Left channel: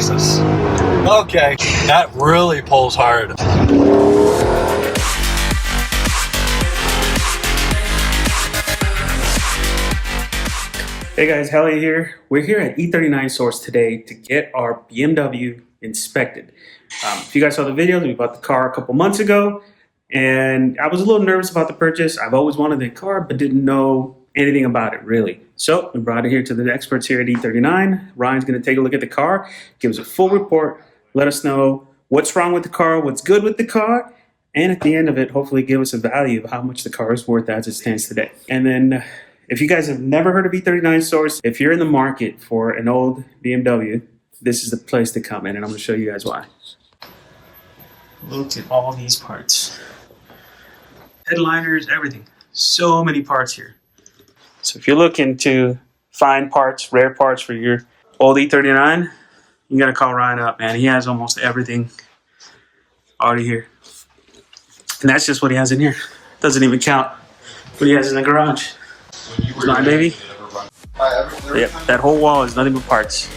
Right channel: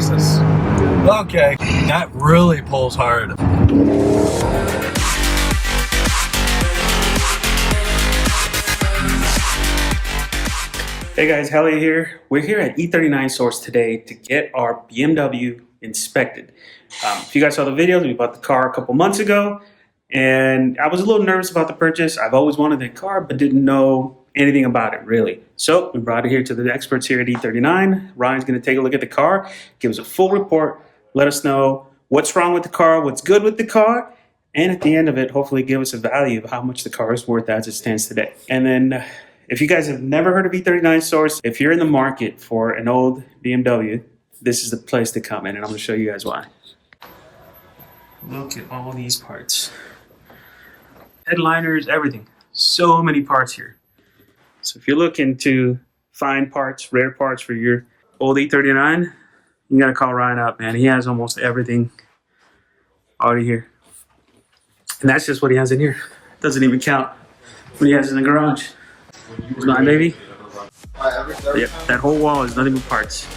Jesus. Okay, that really pulls hard. Hey guys, Hallie here. We're here at E39 Source today to get our BMW inspected. If you guys saw the videos, we bought the car a couple months ago, and I was a little nervous about the purchase. I've always wanted the car, but didn't know anything about it really. So we brought it here to the experts here at E39. Ryan's going to take a look at the car, give us a full report, let us know what's wrong with the car, what's good with the car, and at the end of it, hopefully give us a value of how much the car is worth as it stands today. And then if you guys have never heard of E39 Source, if you're in the market for an old BMW, this is the place to come in, and I'm going to show you guys why. Look at all these parts. Headliners, everything. So many parts here. So if you're looking to find parts, rare parts for your old E39, you got to call Ryan up, man. He has almost everything already here. And that's just what he has in here. Doesn't even count what he has in the garage. It's mine, baby. Yep, that whole wall is nothing but parts.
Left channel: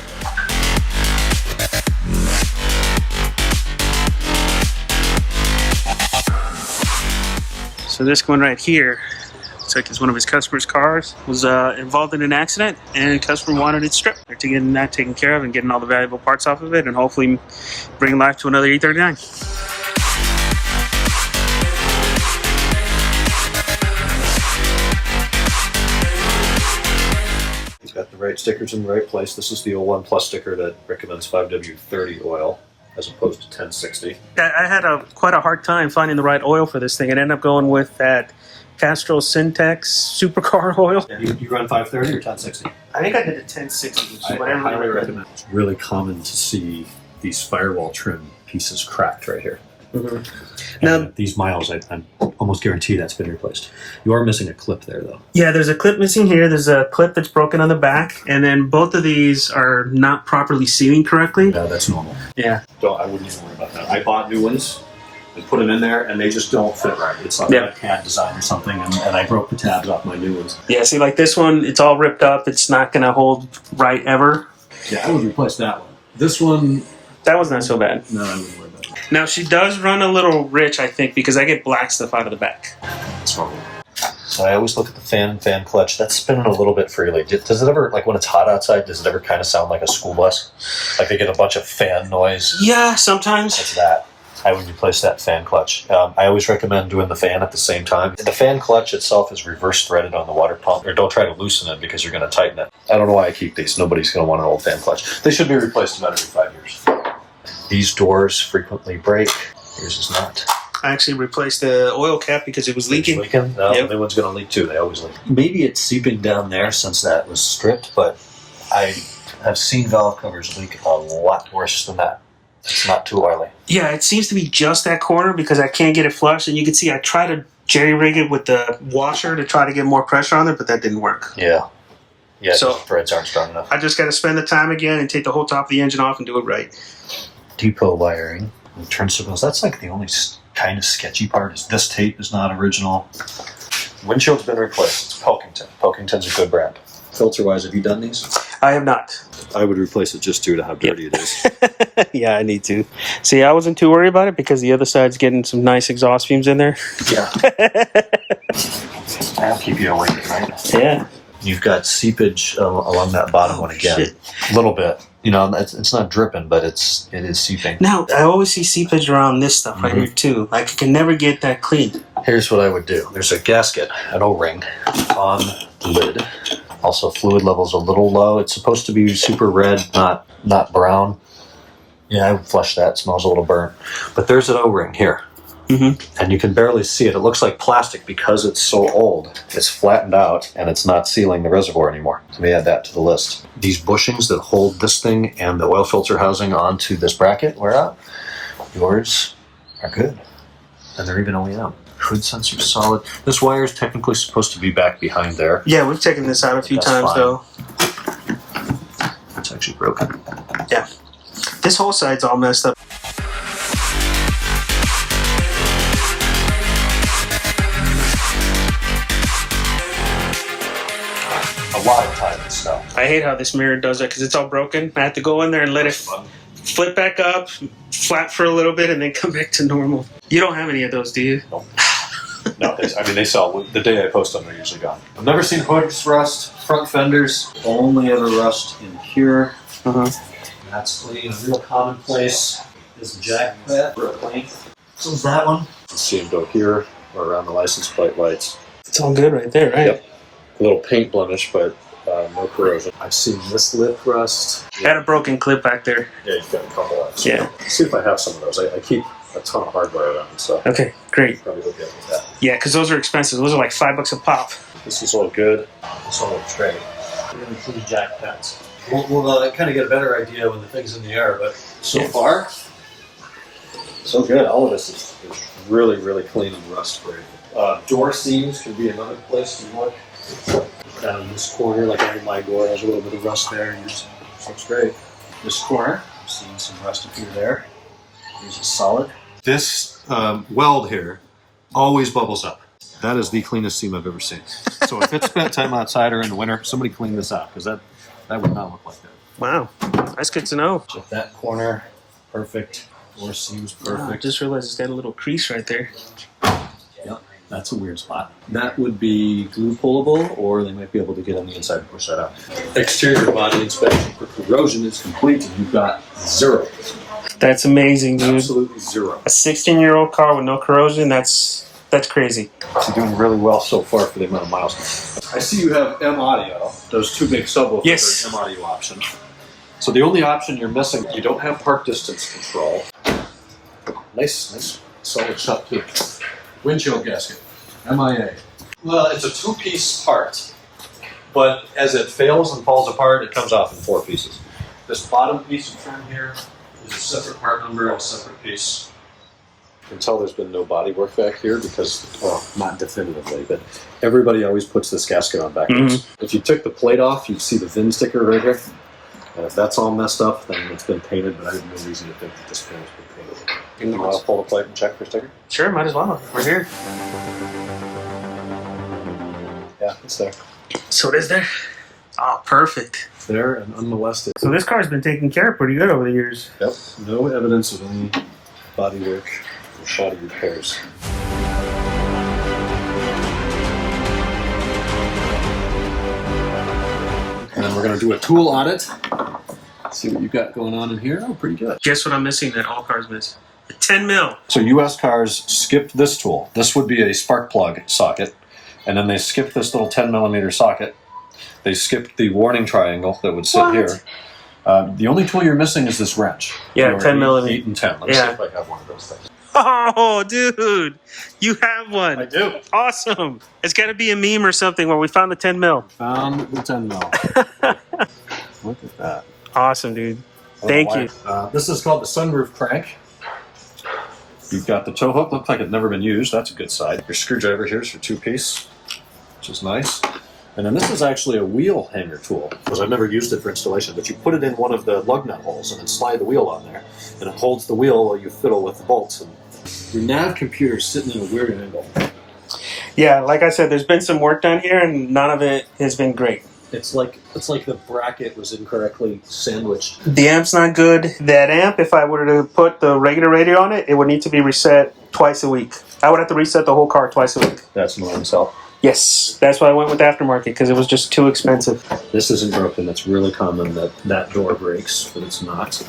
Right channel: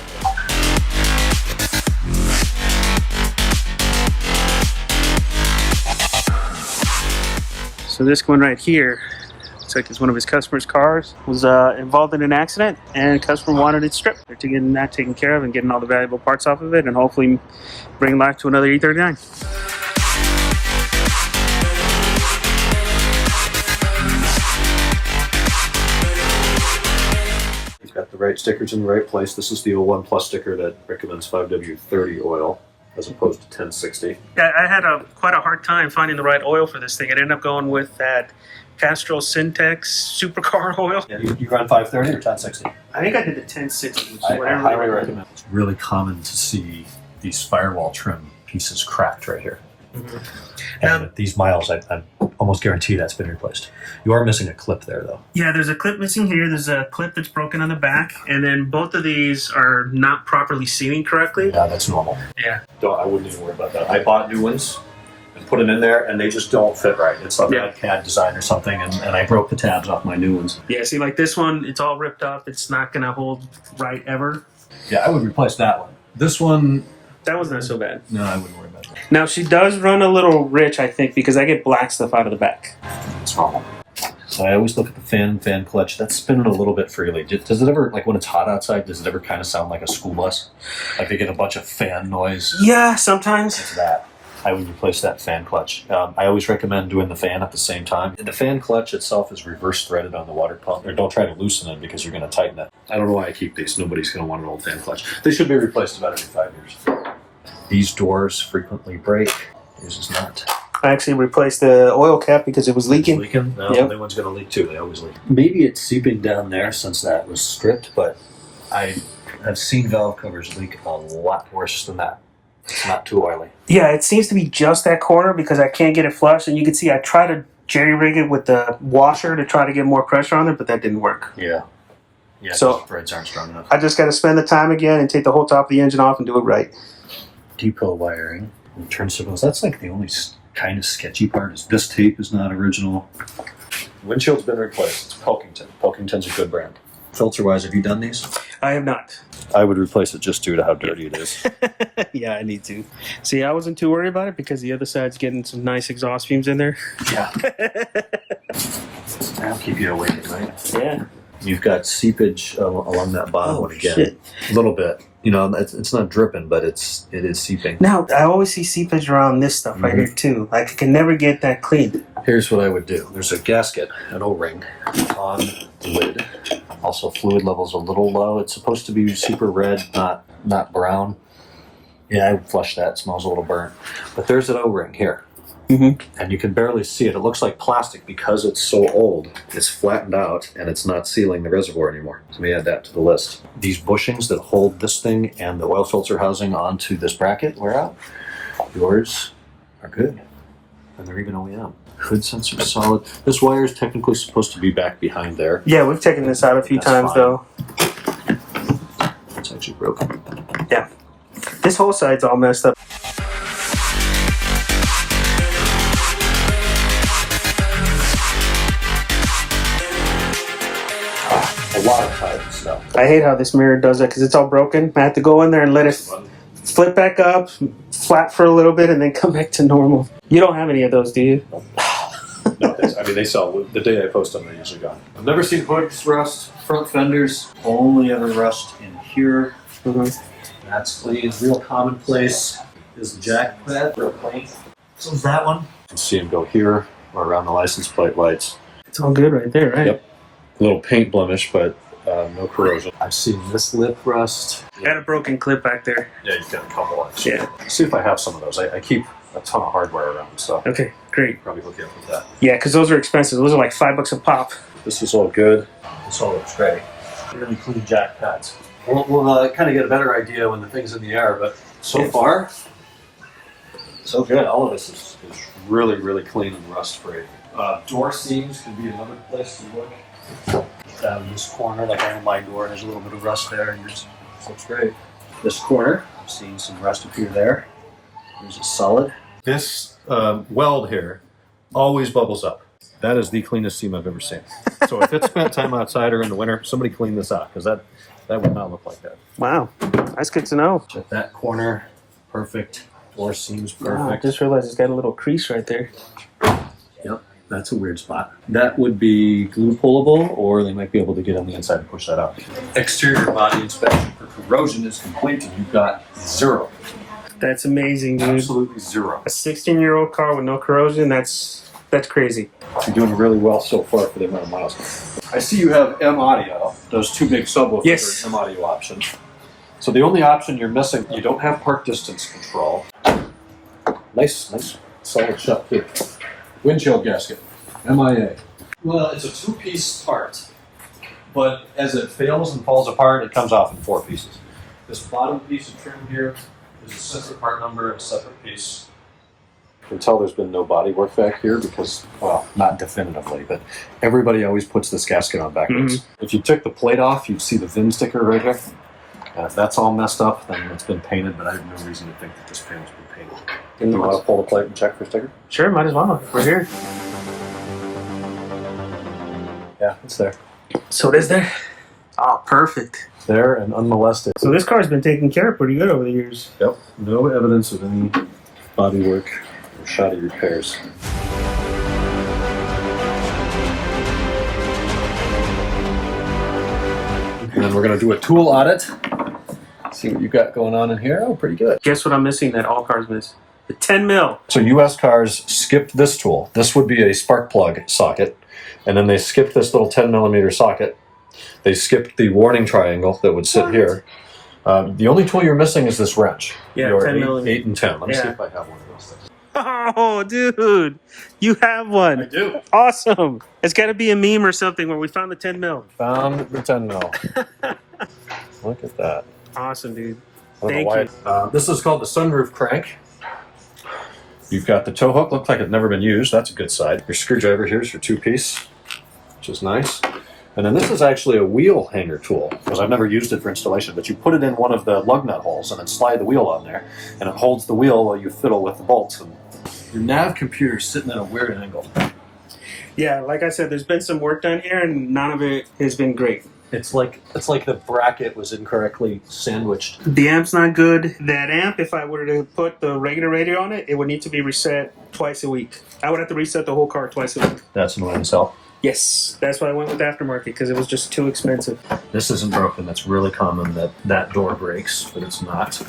So this one right here, looks like it's one of his customer's cars, was involved in an accident, and customer wanted it stripped. They're getting that taken care of and getting all the valuable parts off of it, and hopefully bring life to another E39. Got the right stickers in the right place. This is the 01 Plus sticker that recommends 5W30 oil as opposed to 1060. I had quite a hard time finding the right oil for this thing, and ended up going with that Castrol Syntex supercar oil. Yeah. You run 530 or 1060? I think I did the 1060, which is what I highly recommend. It's really common to see these firewall trim pieces cracked right here. Mm-hmm. Now, these miles, I almost guarantee that's been replaced. You are missing a clip there, though. Yeah, there's a clip missing here. There's a clip that's broken on the back, and then both of these are not properly sealing correctly. Yeah, that's normal. Yeah. I wouldn't even worry about that. I bought new ones and put them in there, and they just don't fit right. It's like a CAD design or something, and I broke the tabs off my new ones. Yeah, see, like this one, it's all ripped up. It's not going to hold right ever. Yeah, I would replace that one. This one... That was not so bad. No, I wouldn't worry about it. Now, she does run a little rich, I think, because I get black stuff out of the back. It's normal. So I always look at the fan and fan clutch. That's spinning a little bit freely. Does it ever, like when it's hot outside, does it ever kind of sound like a school bus? Like they get a bunch of fan noise? Yeah, sometimes. It's that. I would replace that fan clutch. I always recommend doing the fan at the same time. The fan clutch itself is reverse threaded on the water pump. Or don't try to loosen it because you're going to tighten it. I don't know why I keep these. Nobody's going to want an old fan clutch. They should be replaced about every 5 years. These doors frequently break. Yours is not. I actually replaced the oil cap because it was leaking. No, yep. The new one's going to leak too. They always leak. Maybe it's seeping down there since that was stripped, but I have seen valve covers leak a lot worse than that. It's not too oily. Yeah, it seems to be just that corner because I can't get it flush. And you can see I try to jerry-rig it with the washer to try to get more pressure on it, but that didn't work. Yeah. Yeah, so the threads aren't strong enough. I just got to spend the time again and take the whole top of the engine off and do it right. Depot wiring and turn signals. That's like the only kind of sketchy part. Is this tape is not original. Windshield's been replaced. It's Pilkington. Pilkington's a good brand. Filter wise, have you done these? I have not. I would replace it just due to how dirty it is. Yeah, I need to. See, I wasn't too worried about it because the other side's getting some nice exhaust fumes in there. Yeah. That'll keep you awake, right? Yeah. You've got seepage along that bottom one again. Shit. A little bit. You know, it's not dripping, but it is seeping. Now, I always see seepage around this stuff right here too. Like, I can never get that clean. Here's what I would do. There's a gasket, an O-ring, on the lid. Also, fluid level's a little low. It's supposed to be super red, not brown. Yeah, I would flush that. It smells a little burnt. But there's an O-ring here. Mm-hmm. And you can barely see it. It looks like plastic because it's so old. It's flattened out and it's not sealing the reservoir anymore. So let me add that to the list. These bushings that hold this thing and the oil filter housing onto this bracket wear out. Yours are good. And they're even OEM. Hood sensor solid. This wire is technically supposed to be back behind there. Yeah, we've taken this out a few times though. It's actually broken. Yeah. This whole side's all messed up. A lot of tightness now. I hate how this mirror does it because it's all broken. I have to go in there and let it flip back up, flat for a little bit, and then come back to normal. You don't have any of those, do you? No, they sell. The day I post them, they're usually gone. I've never seen hoods rust, front fenders only ever rust in here. That's clean. A real commonplace is the jack pad, real clean. So is that one. You can see them go here or around the license plate lights. It's all good right there, right? Yep. A little paint blemish, but no corrosion. I've seen this lip rust. Had a broken clip back there. Yeah, you've got a couple of. Yeah. Let's see if I have some of those. I keep a ton of hardware around, so Okay, great. probably hook you up with that. Yeah, because those are expensive. Those are like $5 a pop. This is all good. This all looks great. Really clean jack pads. We'll kind of get a better idea when the thing's in the air, but so far, so good. All of this is really, really clean and rust free. Door seams could be another place to look. Down this corner, like I know my door has a little bit of rust there, and yours looks great. This corner, I'm seeing some rust appear there. Here's a solid. This weld here always bubbles up. That is the cleanest seam I've ever seen. So if it's spent time outside or in the winter, somebody clean this out, because that would not look like that. Wow, that's good to know. Check that corner, perfect. Door seams perfect. Wow, I just realized it's got a little crease right there. Yep, that's a weird spot. That would be glue pullable, or they might be able to get on the inside and push that out. Exterior body inspection for corrosion is complete, and you've got 0. That's amazing, dude. Absolutely 0. A 16-year-old car with no corrosion, that's crazy. You're doing really well so far for the amount of miles. I see you have M audio, those two big subwoofers. Yes. M audio option. So the only option you're missing, you don't have park distance control. Nice solid shut too. Windshield gasket, MIA. Well, it's a 2-piece part, but as it fails and falls apart, it comes off in 4 pieces. This bottom piece of trim here is a separate part number and a separate piece. You can tell there's been no body work back here because, well, not definitively, but everybody always puts this gasket on backwards. If you took the plate off, you'd see the VIN sticker right here. And if that's all messed up, then it's been painted, but I have no reason to think that this panel's been painted. You want to pull the plate and check for sticker? Sure, might as well. We're here. Yeah, it's there. So it is there? Oh, perfect. It's there and unmolested. So this car's been taken care of pretty good over the years. Yep. No evidence of any body work or shoddy repairs. And then we're going to do a tool audit. See what you've got going on in here. Oh, pretty good. Guess what I'm missing that all cars miss? The 10 mil. So US cars skipped this tool. This would be a spark plug socket. And then they skipped this little 10 millimeter socket. They skipped the warning triangle that would sit here. The only tool you're missing is this wrench. Yeah, 10 millimeter. 8 and 10. Let me see if I have one of those things. Oh, dude. You have one. I do. Awesome. It's got to be a meme or something where we found the 10 mil. Found the 10 mil. Look at that. Awesome, dude. Thank you. This is called the sunroof crank. You've got the tow hook. Looks like it's never been used. That's a good side. Your screwdriver here is for 2-piece, which is nice. And then this is actually a wheel hanger tool, because I've never used it for installation, but you put it in one of the lug nut holes and then slide the wheel on there, and it holds the wheel while you fiddle with the bolts. And your nav computer is sitting at a weird angle. Yeah, like I said, there's been some work done here, and none of it has been great. It's like the bracket was incorrectly sandwiched. The amp's not good. That amp, if I were to put the regular radio on it, it would need to be reset twice a week. I would have to reset the whole car twice a week. That's annoying, so. Yes, that's why I went with aftermarket, because it was just too expensive. This isn't broken. It's really common that door breaks, but it's not.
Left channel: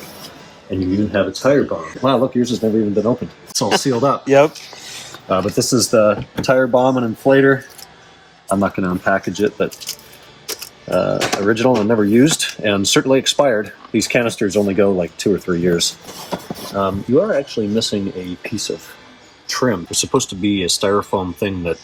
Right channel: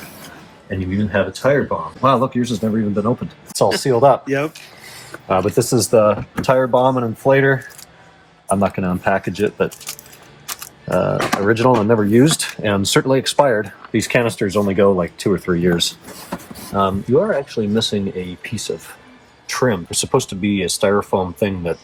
And you even have a tire bomb. Wow, look, yours has never even been opened. It's all sealed up. Yep. But this is the tire bomb and inflator. I'm not going to unpackage it, but original and never used, and certainly expired. These canisters only go like 2 or 3 years. You are actually missing a piece of trim. It's supposed to be a styrofoam thing that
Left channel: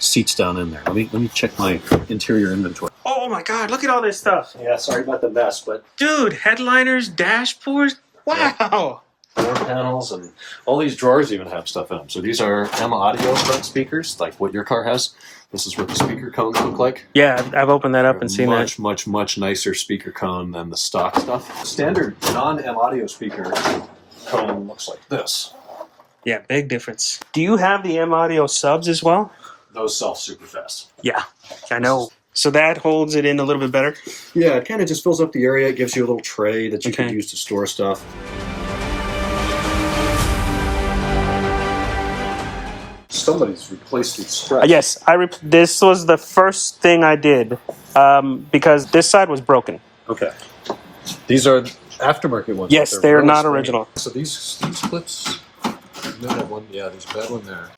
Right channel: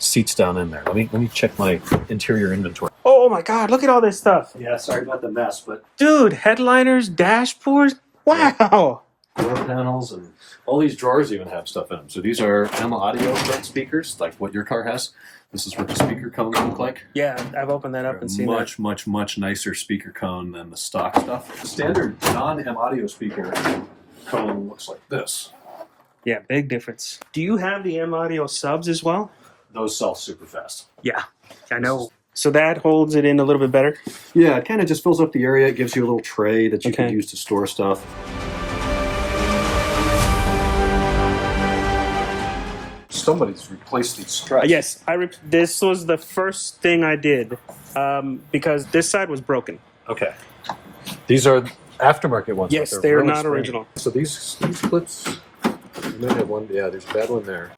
seats down in there. Let me check my interior inventory. Oh my God, look at all this stuff. Yeah, sorry about the mess, but Dude, headliners, dashboards. Wow. door panels and all these drawers even have stuff in them. So these are M audio front speakers, like what your car has. This is what the speaker cones look like. Yeah, I've opened that up and seen that. Much nicer speaker cone than the stock stuff. The standard non-M audio speaker cone looks like this. Yeah, big difference. Do you have the M audio subs as well? Those sell super fast. Yeah, I know. So that holds it in a little bit better? Yeah, it kind of just fills up the area. It gives you a little tray that you Okay. can use to store stuff. somebody's replaced these struts. Yes, this was the first thing I did because this side was broken. Okay. These are aftermarket ones. Yes, they're really not springy. original. So these clips, you might have one. Yeah, there's a bad one there.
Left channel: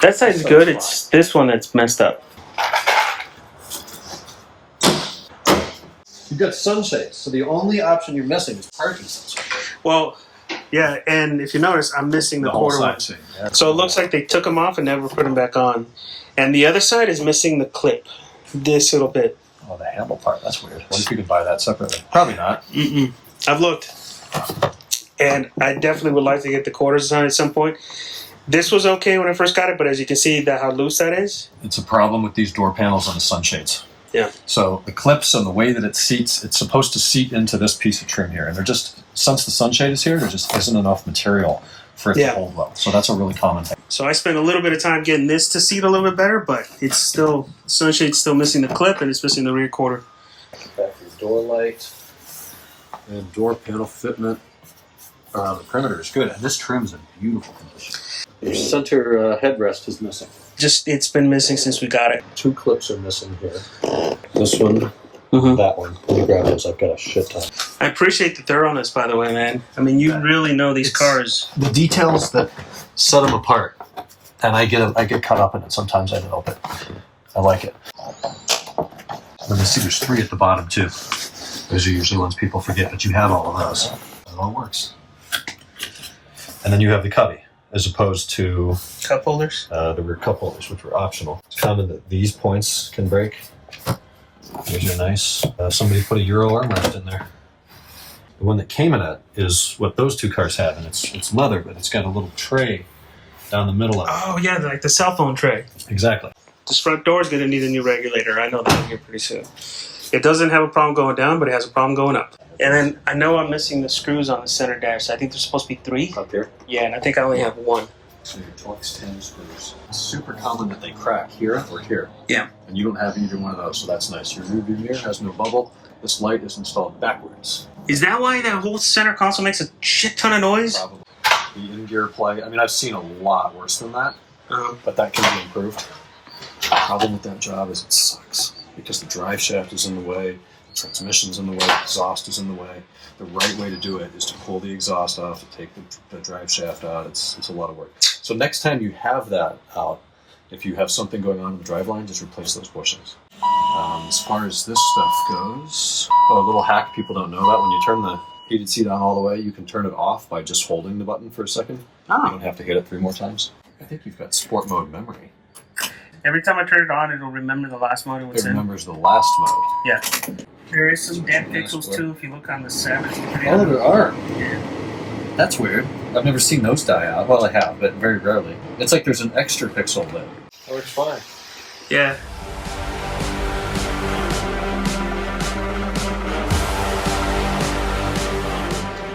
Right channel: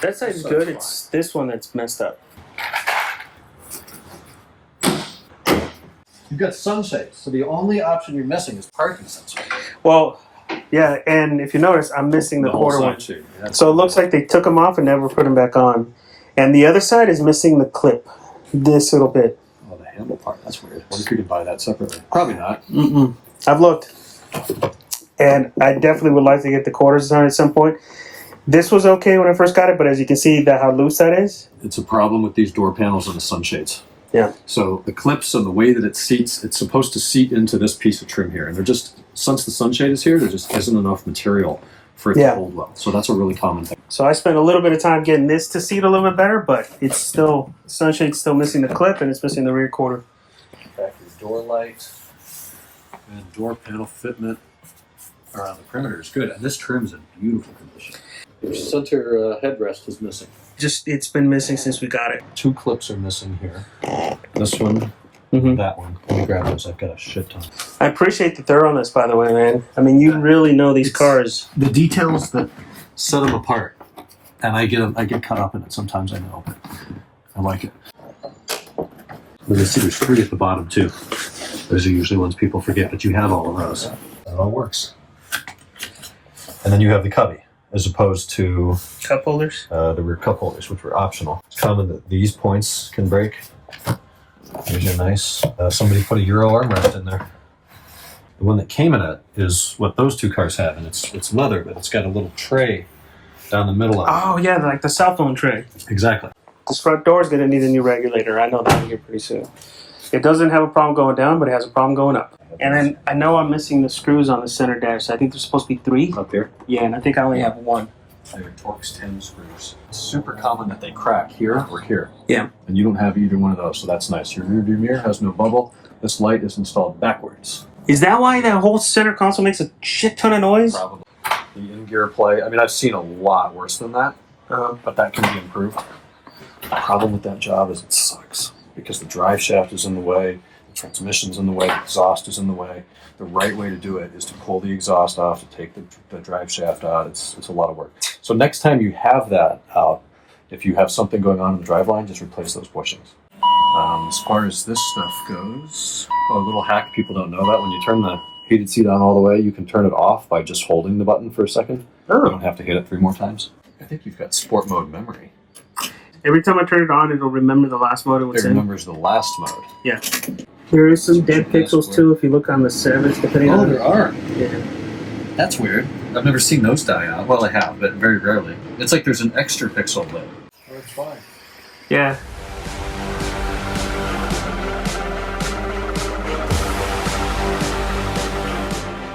That side's good. It's this one that's messed up. You've got sunshades, so the only option you're missing is parking sensor. Well, yeah, and if you notice, I'm missing the quarter one. Yeah. So it looks like they took them off and never put them back on. And the other side is missing the clip. This little bit. Oh, the handle part. That's weird. What if you could buy that separately? Probably not. Mm-mm. I've looked. And I definitely would like to get the quarters on at some point. This was okay when I first got it, but as you can see how loose that is. It's a problem with these door panels on the sunshades. Yeah. So the clips and the way that it seats, it's supposed to seat into this piece of trim here. And they're just, since the sunshade is here, there just isn't enough material for it to hold low. So that's a really common thing. So I spent a little bit of time getting this to seat a little bit better, but it's still, sunshade's still missing the clip and it's missing the rear quarter. Factory door light and door panel fitment around the perimeter is good. And this trim's in beautiful condition. Your center headrest is missing. It's been missing since we got it. 2 clips are missing here. This one, that one. Let me grab those. I've got a shit ton. I appreciate the thoroughness, by the way, man. I mean, you really know these cars. The details that set them apart, and I get caught up in it. Sometimes I know, but I like it. You can see there's 3 at the bottom too. Those are usually ones people forget, but you have all of those. It all works. And then you have the cubby, as opposed to Cup holders? the rear cup holders, which were optional. It's common that these points can break. These are nice. Somebody put a Euro armrest in there. The one that came in it is what those 2 cars have, and it's leather, but it's got a little tray down the middle of it. Oh, yeah, like the cell phone tray. Exactly. This front door is going to need a new regulator. I know that here pretty soon. It doesn't have a problem going down, but it has a problem going up. And then I know I'm missing the screws on the center dash. I think there's supposed to be 3. Up here. Yeah, and I think I only have 1. So your Torx 10 screws. It's super common that they crack here or here. Yeah. And you don't have either one of those, so that's nice. Your rear view mirror has no bubble. This light is installed backwards. Is that why that whole center console makes a shit ton of noise? Probably. The in-gear play, I mean, I've seen a lot worse than that, but that can be improved. The problem with that job is it sucks because the drive shaft is in the way, the transmission's in the way, the exhaust is in the way. The right way to do it is to pull the exhaust off, to take the drive shaft out. It's a lot of work. So next time you have that out, if you have something going on in the driveline, just replace those bushings. As far as this stuff goes, a little hack people don't know about, when you turn the heated seat on all the way, you can turn it off by just holding the button for a second. Oh. You don't have to hit it 3 more times. I think you've got sport mode memory. Every time I turn it on, it'll remember the last mode it was It in. remembers the last mode. Yeah. There is some dead pixels too if you look on the 7s, depending on. Oh, there are. Yeah. That's weird. I've never seen those die out. Well, I have, but very rarely. It's like there's an extra pixel lit. Works fine. Yeah.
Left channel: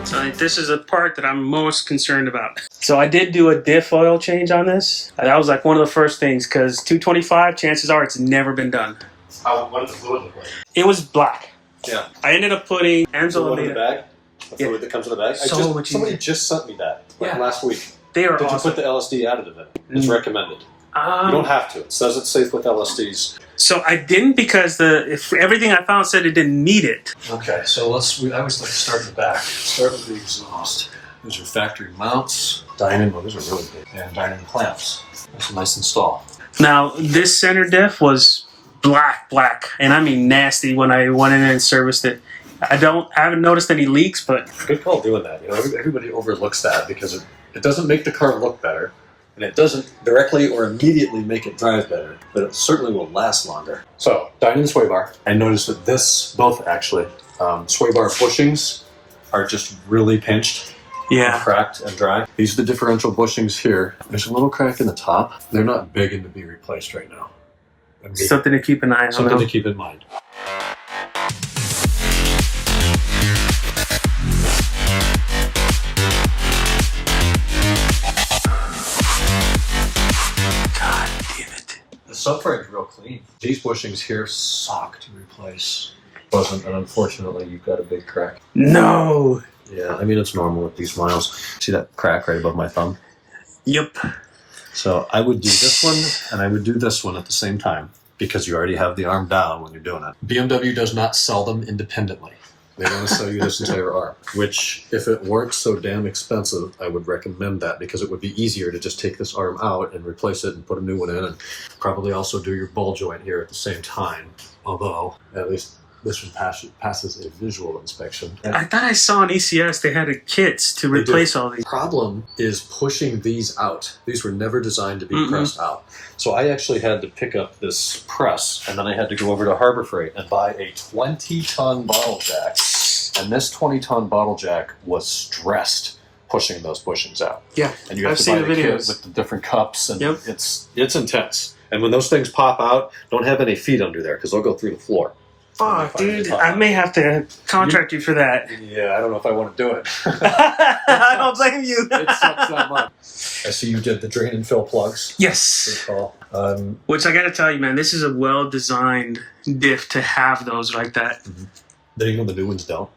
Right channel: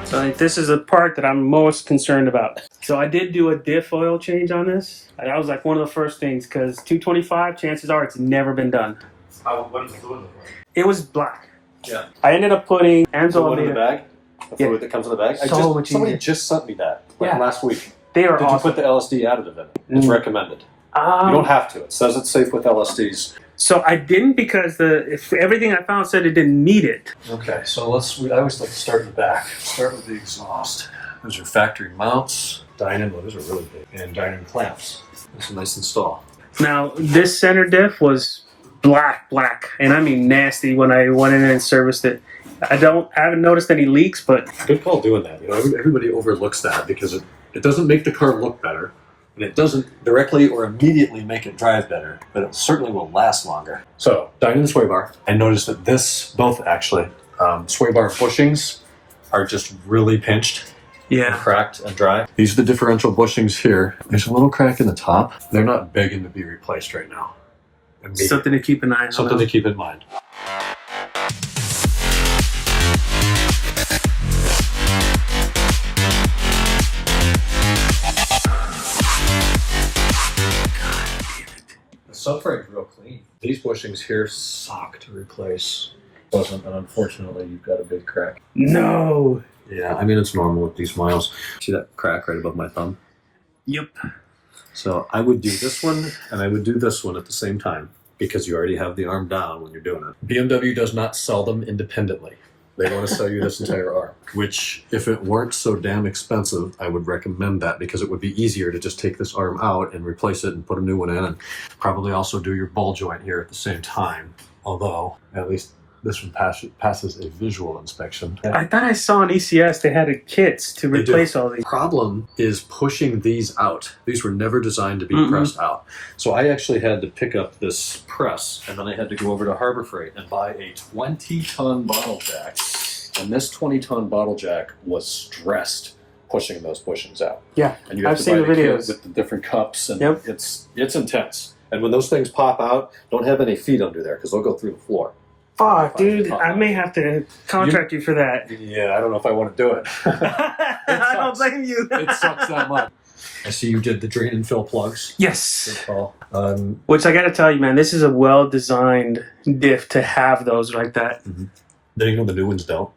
So this is the part that I'm most concerned about. So I did do a diff oil change on this. That was like one of the first things because 225, chances are it's never been done. What does the fluid look like? It was black. Yeah. I ended up putting The one in the Anzolina. bag? The Yeah. fluid that comes in the bag? So much Somebody easier. just sent me that Yeah. last week. They are But awesome. you put the LSD additive in it. It's recommended. You don't have to. It says it's safe with LSDs. So I didn't because if everything I found said it didn't need it. Okay, so I always like to start in the back. Start with the exhaust. Those are factory mounts. DINAN, well, those are really big. And DINAN clamps. That's a nice install. Now this center diff was black, and I mean nasty when I went in and serviced it. I haven't noticed any leaks, but Good call doing that. You know, everybody overlooks that because it doesn't make the car look better. And it doesn't directly or immediately make it drive better, but it certainly will last longer. So, DINAN sway bar. I noticed that both actually, sway bar bushings are just really pinched, yeah. cracked, and dry. These are the differential bushings here. There's a little crack in the top. They're not begging to be replaced right now. Something to keep an eye on. Something to keep in mind. Subframe's real clean. These bushings here suck to replace. And unfortunately, you've got a big crack. No. Yeah, I mean, it's normal with these miles. See that crack right above my thumb? Yep. So I would do this one and I would do this one at the same time because you already have the arm down when you're doing it. BMW does not sell them independently. They want to sell you this entire arm, which if it weren't so damn expensive, I would recommend that because it would be easier to just take this arm out and replace it and put a new one in and probably also do your ball joint here at the same time. Although, at least this one passes a visual inspection. I thought I saw on ECS they had kits to replace all these. The problem is pushing these out. These were never designed to be pressed out. So I actually had to pick up this press, and then I had to go over to Harbor Freight and buy a 20-ton bottle jack. And this 20-ton bottle jack was stressed pushing those bushings out. Yeah, and you have I've to seen buy the a kit videos with the different cups, and Yep. it's intense. And when those things pop out, don't have any feet under there because they'll go through the floor. Fuck, dude, I may have to contract you for that. Yeah, I don't know if I want to do it. I don't blame you. It sucks that much. I see you did the drain and fill plugs. Yes. Good. Which I gotta tell you, man, this is a well-designed diff to have those like that. Then you know the new ones don't.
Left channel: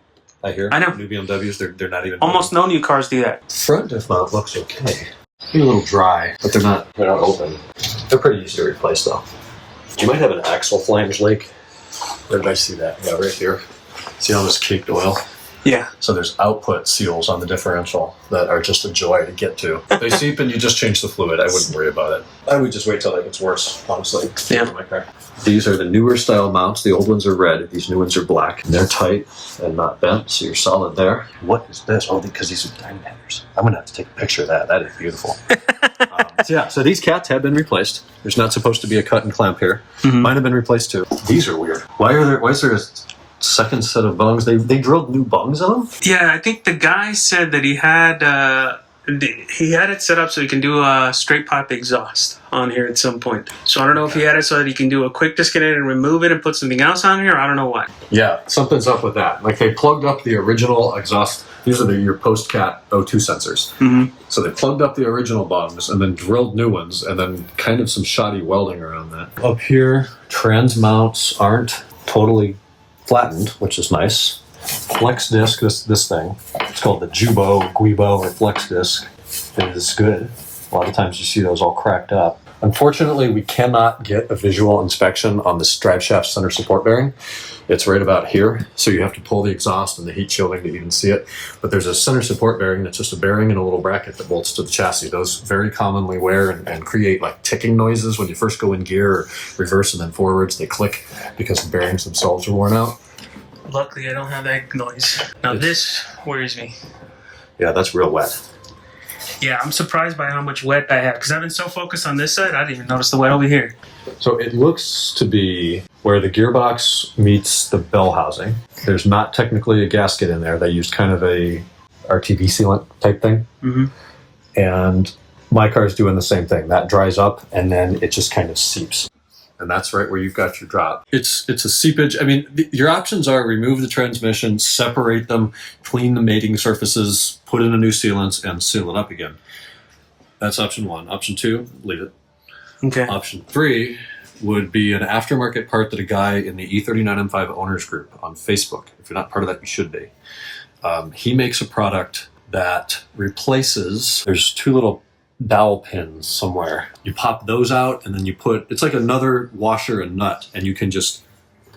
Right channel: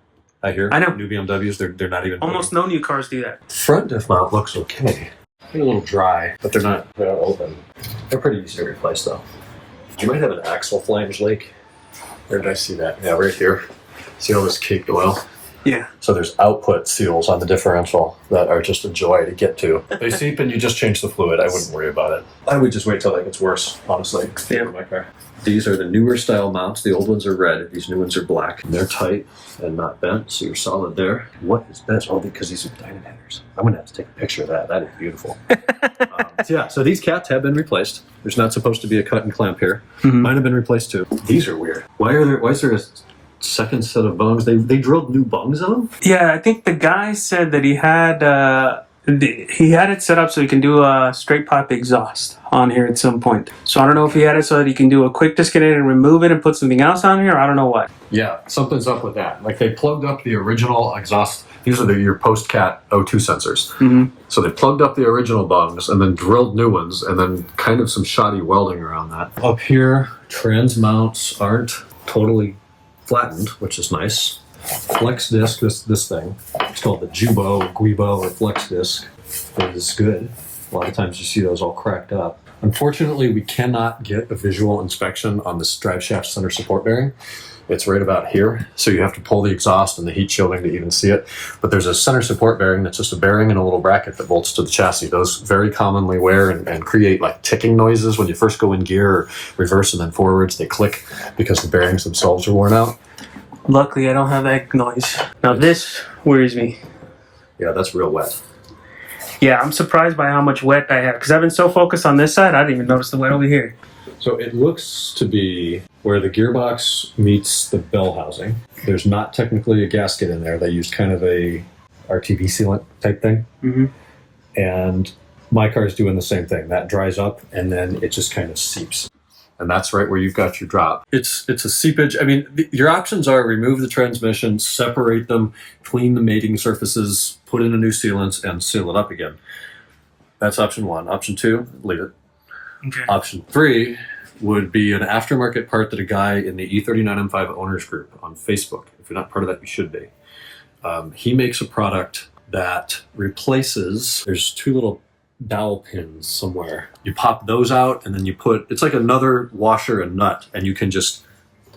I hear. I know. New BMWs, they're not even. Almost no new cars do that. Front diff mount looks okay. They're a little dry, but they're not open. They're pretty easy to replace though. You might have an axle flange leak. Where did I see that? Yeah, right here. See all this caked oil? Yeah. So there's output seals on the differential that are just a joy to get to. They seep and you just change the fluid. I wouldn't worry about it. I would just wait till that gets worse, honestly. Yeah. In my car. These are the newer style mounts. The old ones are red. These new ones are black. They're tight and not bent, so you're solid there. What is this? Oh, because these are DINAN headers. I'm going to have to take a picture of that. That is beautiful. So these cats have been replaced. There's not supposed to be a cut and clamp here. Mine have been replaced too. These are weird. Why is there a second set of bungs? They drilled new bungs on them? Yeah, I think the guy said that he had it set up so he can do a straight pipe exhaust on here at some point. So I don't know if he had it so that he can do a quick disconnect and remove it and put something else on here. I don't know what. Yeah, something's up with that. Like they plugged up the original exhaust. These are your post-cat O2 sensors. So they plugged up the original bungs and then drilled new ones and then kind of some shoddy welding around that. Up here, trans mounts aren't totally flattened, which is nice. Flex disc, this thing, it's called the Jubo, Guibo, or Flex disc. It is good. A lot of times you see those all cracked up. Unfortunately, we cannot get a visual inspection on this drive shaft center support bearing. It's right about here, so you have to pull the exhaust and the heat shielding to even see it. But there's a center support bearing that's just a bearing and a little bracket that bolts to the chassis. Those very commonly wear and create like ticking noises when you first go in gear or reverse and then forwards. They click because the bearings themselves are worn out. Luckily, I don't have that noise. Now this worries me. Yeah, that's real wet. Yeah, I'm surprised by how much wet I have because I've been so focused on this side, I didn't even notice the wet over here. So it looks to be where the gearbox meets the bell housing. There's not technically a gasket in there. They used kind of a RTV sealant type thing. And my car's doing the same thing. That dries up and then it just kind of seeps. And that's right where you've got your drop. It's a seepage. I mean, your options are remove the transmission, separate them, clean the mating surfaces, put in a new sealant, and seal it up again. That's option one. Option two, leave it. Okay. Option three would be an aftermarket part that a guy in the E39 M5 owners group on Facebook, if you're not part of that, you should be. He makes a product that replaces, there's two little dowel pins somewhere. You pop those out and then you put, it's like another washer and nut, and you can just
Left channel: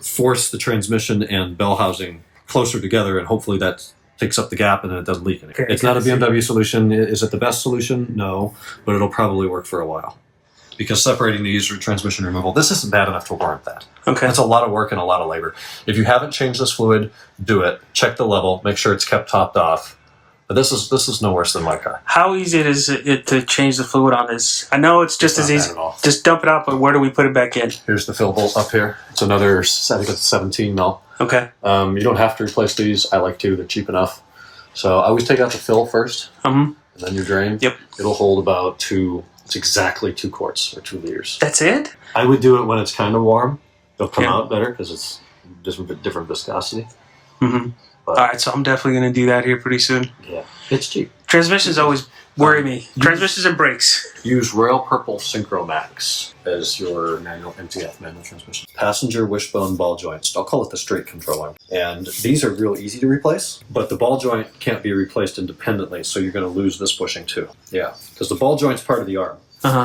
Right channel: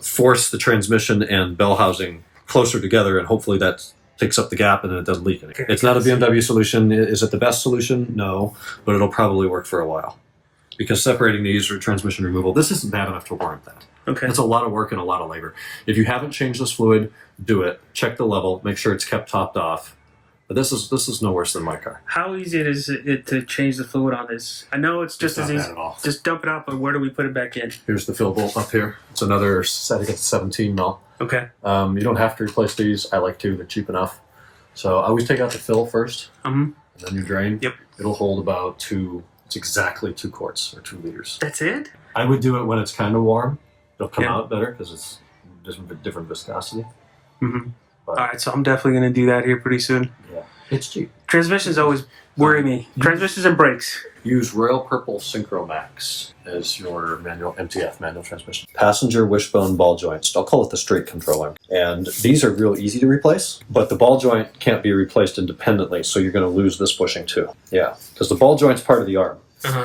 force the transmission and bell housing closer together, and hopefully that takes up the gap and then it doesn't leak anything. It's not a BMW solution. Is it the best solution? No, but it'll probably work for a while. Because separating these or transmission removal, this isn't bad enough to warrant that. Okay. It's a lot of work and a lot of labor. If you haven't changed this fluid, do it. Check the level, make sure it's kept topped off. But this is no worse than my car. How easy is it to change the fluid on this? I know it's just as easy. At all. Just dump it out, but where do we put it back in? Here's the fill bolt up here. It's another, I think it's 17 mil. Okay. You don't have to replace these. I like to. They're cheap enough. So I always take out the fill first, and then your drain. Yep. It'll hold about it's exactly 2 quarts or 2 liters. That's it? I would do it when it's kind of warm. It'll come out better because it's just a different viscosity. Mm-hmm. All right, so I'm definitely going to do that here pretty soon. Yeah, it's cheap. Transmissions always worry me. Transmissions and brakes. Use Royal Purple Synchro Max as your manual MTF, manual transmission. Passenger wishbone ball joints. I'll call it the straight control arm. And these are real easy to replace, but the ball joint can't be replaced independently, so you're going to lose this bushing too. Yeah, because the ball joint's part of the arm.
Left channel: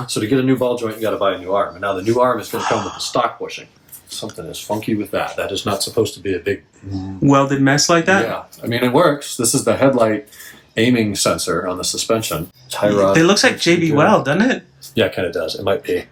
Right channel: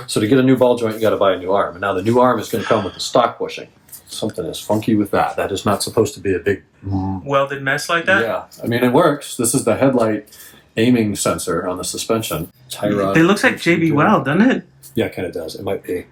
So to get a new ball joint, you got to buy a new arm. And now the new arm is going to come with the stock bushing. Something is funky with that. That is not supposed to be a big welded mess like that? Yeah, I mean, it works. This is the headlight aiming sensor on the suspension. Tie rod. It looks like JB Weld, doesn't it? Yeah, it kind of does. It might be.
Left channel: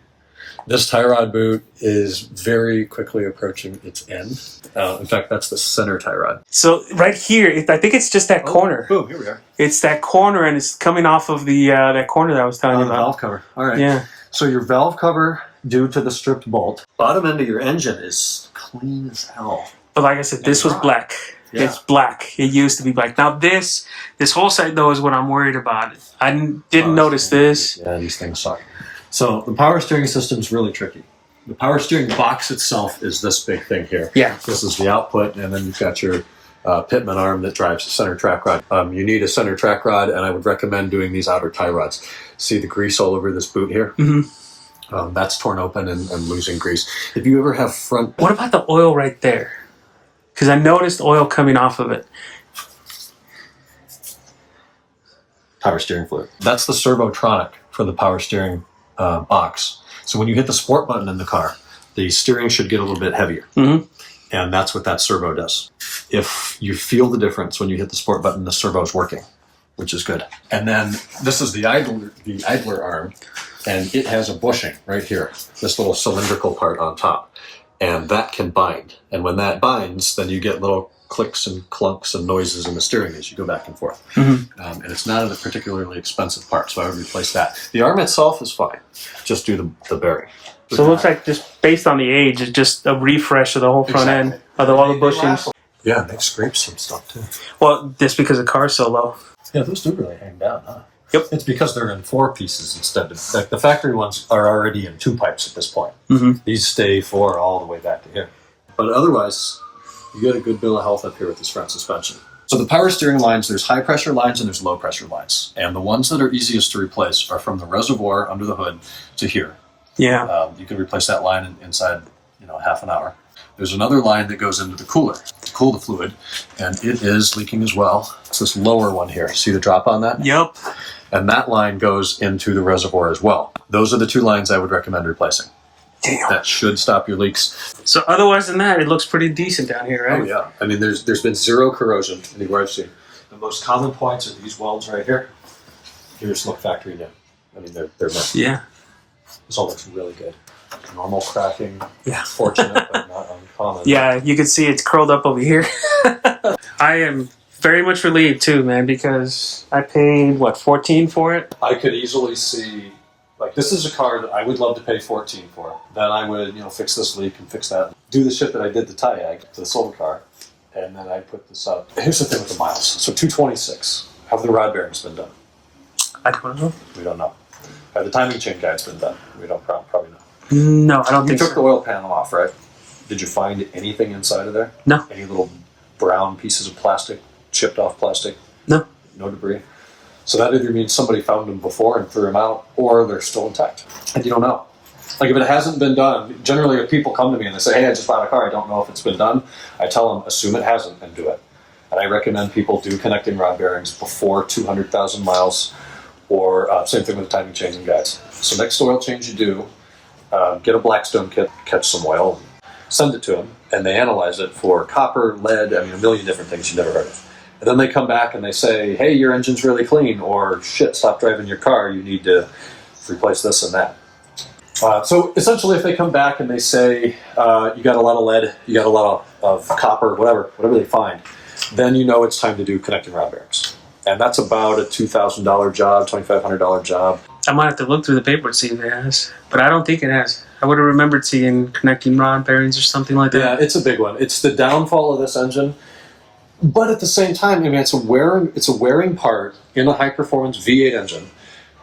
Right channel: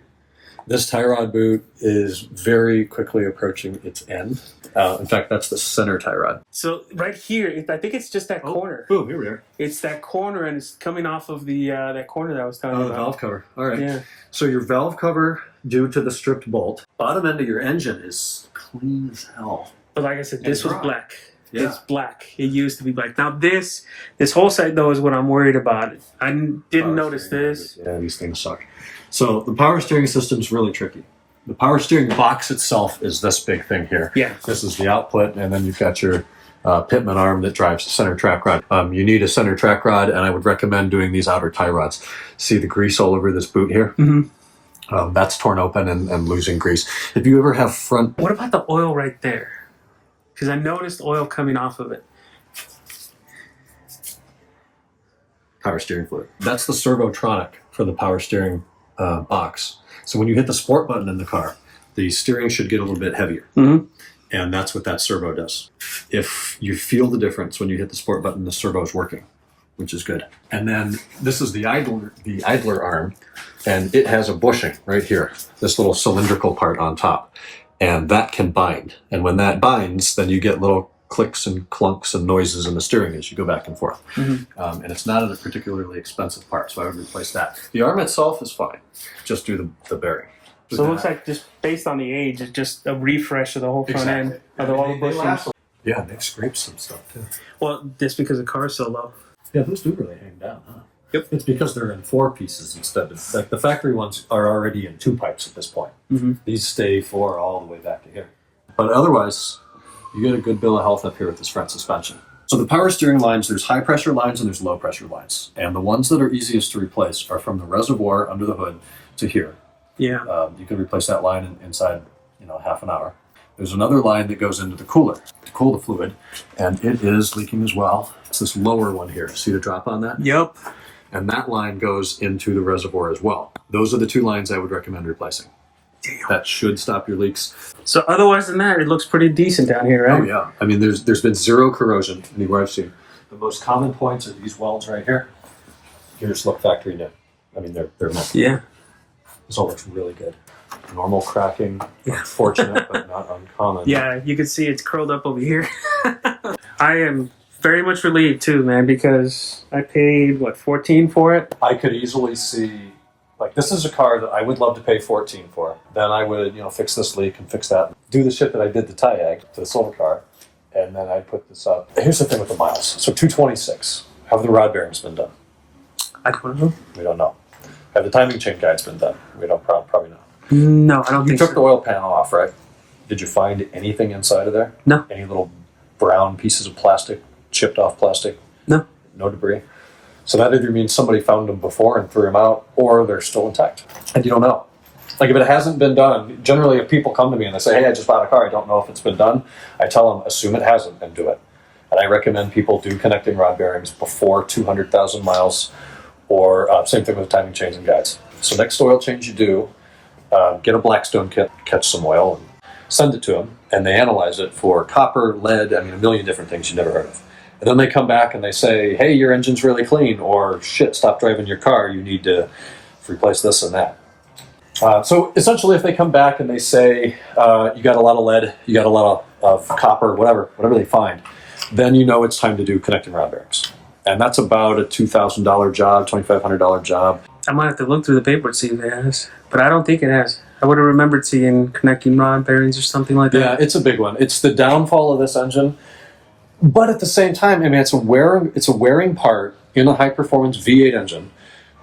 This tie rod boot is very quickly approaching its end. In fact, that's the center tie rod. So right here, I think it's just that corner. Boom, here we are. It's that corner, and it's coming off of the that corner that I was telling you about. Valve cover. All right. Yeah. So your valve cover, due to the stripped bolt, bottom end of your engine is clean as hell. But like I said, this was black. Yeah. It's black. It used to be black. Now this whole side though is what I'm worried about. I didn't notice this. Yeah, these things suck. So the power steering system is really tricky. The power steering box itself is this big thing here. Yeah. This is the output, and then you've got your Pitman arm that drives the center track rod. You need a center track rod, and I would recommend doing these outer tie rods. See the grease all over this boot here? Mm-hmm. That's torn open and losing grease. If you ever have front... What about the oil right there? Because I noticed oil coming off of it. Power steering fluid. That's the servotronic for the power steering box. So when you hit the sport button in the car, the steering should get a little bit heavier. Mm-hmm. And that's what that servo does. If you feel the difference when you hit the sport button, the servo is working, which is good. And then this is the idler arm, and it has a bushing right here, this little cylindrical part on top. And that can bind. And when that binds, then you get little clicks and clunks and noises in the steering as you go back and forth. Mm-hmm. And it's not a particularly expensive part, so I would replace that. The arm itself is fine. Just do the bearing. So it looks like just based on the age, it's just a refresh of the whole front end, of all the bushings. Yeah, they scrape some stuff too. Well, just because the car's so low. Yeah, those do really hang down, huh? Yep. It's because they're in 4 pieces instead of... Like the factory ones are already in 2 pipes at this point. Mm-hmm. These stay 4 all the way back to here. But otherwise, you get a good bill of health up here with this front suspension. So the power steering lines, there's high pressure lines and there's low pressure lines. And the ones that are easiest to replace are from the reservoir under the hood to here. Yeah. You can replace that line inside, half an hour. There's another line that goes into the cooler to cool the fluid, and it is leaking as well. It's this lower one here. See the drop on that? Yep. And that line goes into the reservoir as well. Those are the 2 lines I would recommend replacing. Damn. That should stop your leaks. So otherwise than that, it looks pretty decent down here, right? Oh yeah. I mean, there's been 0 corrosion anywhere I've seen. The most common points are these welds right here. Here's look factory new. I mean, they're meant. Yeah. This all looks really good. Normal cracking. Yeah. Fortunate, but not uncommon. Yeah, you can see it's curled up over here. I am very much relieved too, man, because I paid, $14 for it? I could easily see, this is a car that I would love to pay $14 for. Then I would, fix this leak and fix that. Do the shit that I did to Diag, to the old car, and then I'd put this up. Here's the thing with the miles. So 226. Have the rod bearings been done? I don't know. We don't know. Have the timing chain guides been done? We don't probably know. No, I don't You think took so. the oil pan off, right? Did you find anything inside of there? No. Any little brown pieces of plastic, chipped off plastic? No. No debris? So that either means somebody found them before and threw them out, or they're still intact. And you don't know. If it hasn't been done, generally if people come to me and they say, hey, I just bought a car, I don't know if it's been done, I tell them, assume it hasn't and do it. And I recommend people do connecting rod bearings before 200,000 miles, or same thing with timing chains and guides. So next oil change you do, get a Blackstone kit, catch some oil, send it to them, and they analyze it for copper, lead, a million different things you never heard of. And then they come back and they say, hey, your engine's really clean, or shit, stop driving your car, you need to replace this and that. So essentially if they come back and they say, you got a lot of lead, you got a lot of copper, whatever they find, then you know it's time to do connecting rod bearings. And that's about a $2,000 job, $2,500 job. I might have to look through the paper to see if it has, but I don't think it has. I would have remembered seeing connecting rod bearings or something like that. Yeah, it's a big one. It's the downfall of this engine, but at the same time, it's a wearing part in a high-performance V8 engine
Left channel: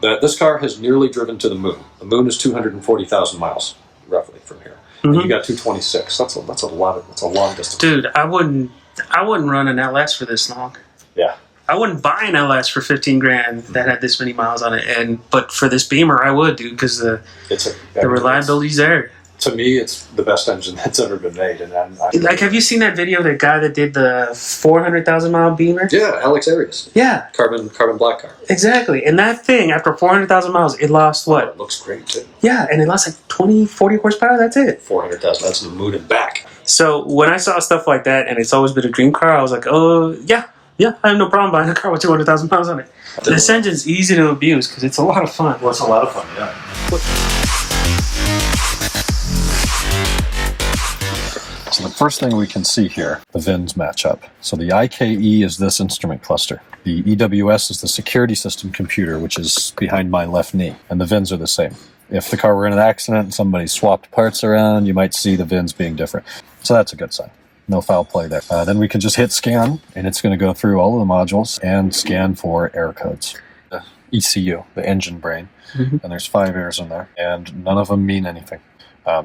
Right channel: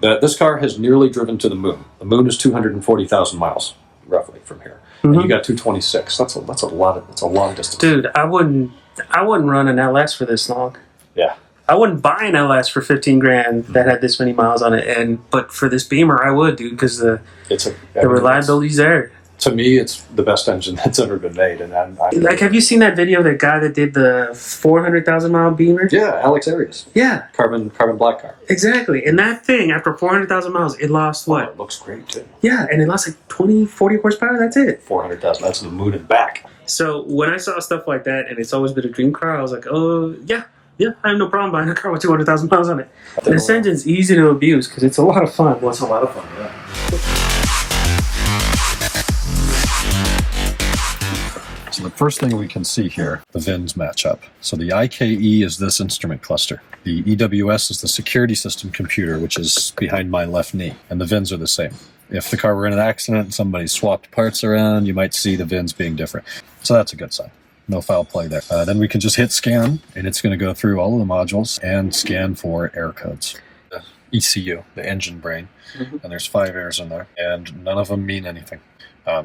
that this car has nearly driven to the moon. The moon is 240,000 miles, roughly, from here. Mm-hmm. And you got 226. That's a long distance. Dude, I wouldn't I wouldn't run an LS for this long. Yeah. I wouldn't buy an LS for 15 grand that had this many miles on it, but for this Beamer, I would, dude, because the reliability's there. To me, it's the best engine that's ever been made. And like, have you seen that video of that guy that did the 400,000-mile Beamer? Yeah, Alex Arias. Yeah. Carbon black car. Exactly. And that thing, after 400,000 miles, it lost what? It looks great, too. Yeah, and it lost like 20, 40 horsepower. That's it. 400,000. That's the moon and back. So when I saw stuff like that, and it's always been a dream car, I was like, oh, yeah, I have no problem buying a car with 200,000 miles on it. This engine's easy to abuse because it's a lot of fun. Well, it's a lot of fun, yeah. So the first thing we can see here, the VINs match up. So the IKE is this instrument cluster. The EWS is the security system computer, which is behind my left knee. And the VINs are the same. If the car were in an accident and somebody swapped parts around, you might see the VINs being different. So that's a good sign. No foul play there. Then we can just hit scan, and it's going to go through all of the modules and scan for error codes. The ECU, the engine brain, and there's 5 errors in there, and none of them mean anything.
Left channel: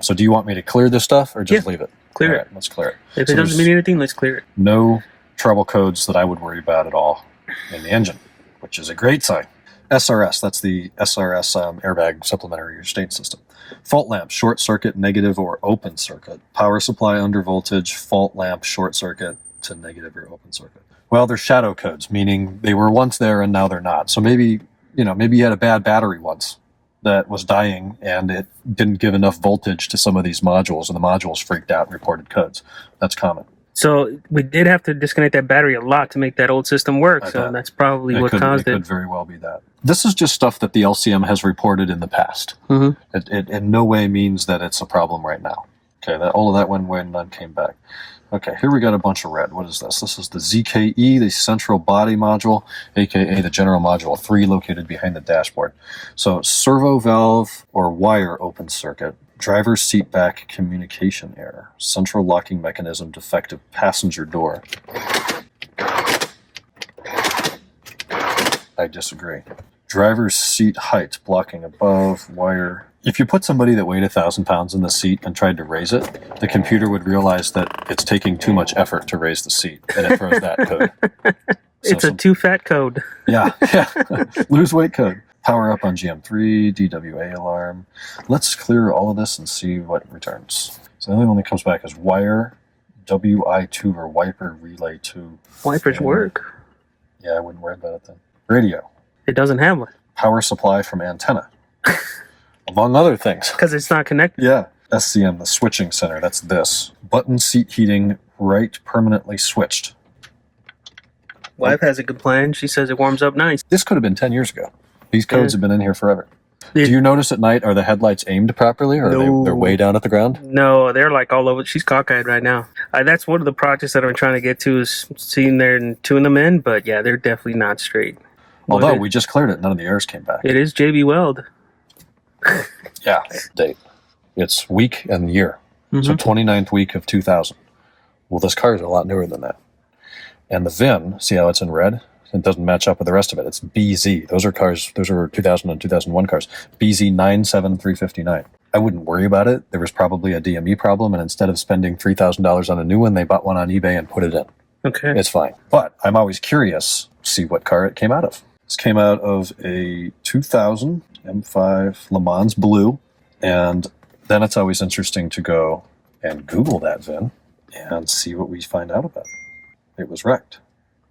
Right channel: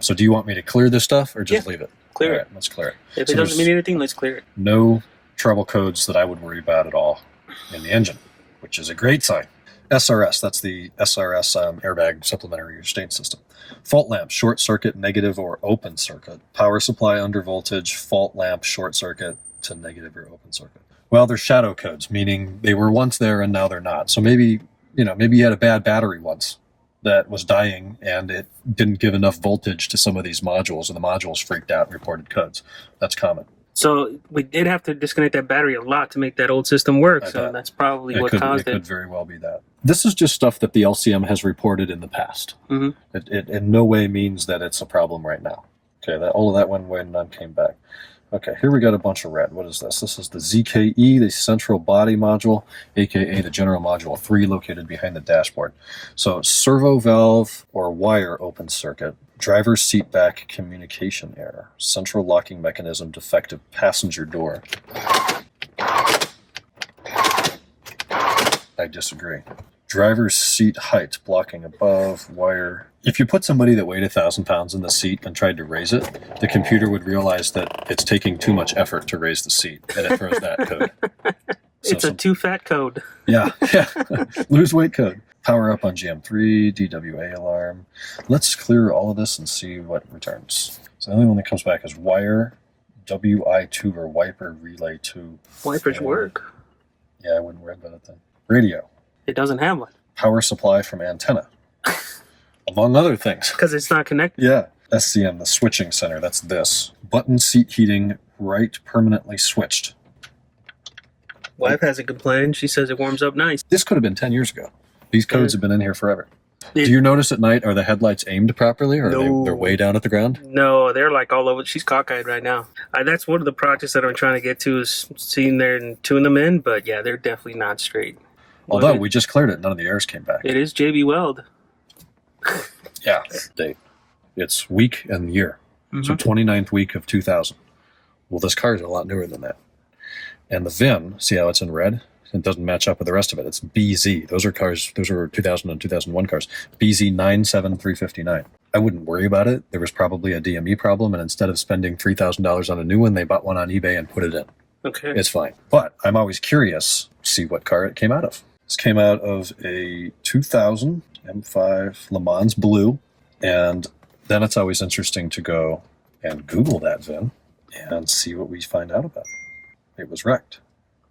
So do you want me to clear this stuff or just leave it? Clear it. Right, let's clear it. If it doesn't mean anything, let's clear it. No trouble codes that I would worry about at all in the engine, which is a great sign. SRS, that's the SRS airbag supplementary restraint system. Fault lamp, short circuit, negative or open circuit. Power supply under voltage, fault lamp, short circuit to negative or open circuit. Well, they're shadow codes, meaning they were once there and now they're not. So maybe you had a bad battery once that was dying and it didn't give enough voltage to some of these modules and the modules freaked out and reported codes. That's common. So we did have to disconnect that battery a lot to make that old system work. So that's probably what caused it. It could very well be that. This is just stuff that the LCM has reported in the past. It in no way means that it's a problem right now. Okay, all of that went away and none came back. Okay, here we got a bunch of red. What is this? This is the ZKE, the central body module, aka the general module 3 located behind the dashboard. So servo valve or wire open circuit. Driver's seat back communication error. Central locking mechanism defective passenger door. I disagree. Driver's seat height blocking above wire. If you put somebody that weighed 1,000 pounds in the seat and tried to raise it, the computer would realize that it's taking too much effort to raise the seat, and it throws that code. It's a too fat code. Yeah. Lose weight code. Power up on GM3, DWA alarm. Let's clear all of this and see what returns. So the only one that comes back is wire, WI2 or wiper relay 2. Wipers work. Yeah, I wouldn't worry about it then. Radio. It doesn't have one. Power supply from antenna. Among other things. Because it's not connected. Yeah. SCM, the switching center, that's this. Button seat heating, right permanently switched. Wife has a good plan. She says it warms up nice. This could have been 10 years ago. These codes have been in here forever. Do you notice at night, are the headlights aimed properly, or are they're way down at the ground? No, they're like all over. She's cockeyed right now. That's one of the projects that I'm trying to get to, is seeing there and tune them in, but yeah, they're definitely not straight. Although we just cleared it, none of the errors came back. It is JB Weld. Yeah, date. It's week and year. So 29th week of 2000. Well, this car is a lot newer than that. And the VIN, see how it's in red? It doesn't match up with the rest of it. It's BZ. Those are 2000 and 2001 cars. BZ 97359. I wouldn't worry about it. There was probably a DME problem, and instead of spending $3,000 on a new one, they bought one on eBay and put it in. Okay. It's fine. But I'm always curious to see what car it came out of. This came out of a 2000 M5 Le Mans Blue, and then it's always interesting to go and Google that VIN and see what we find out about it. It was wrecked.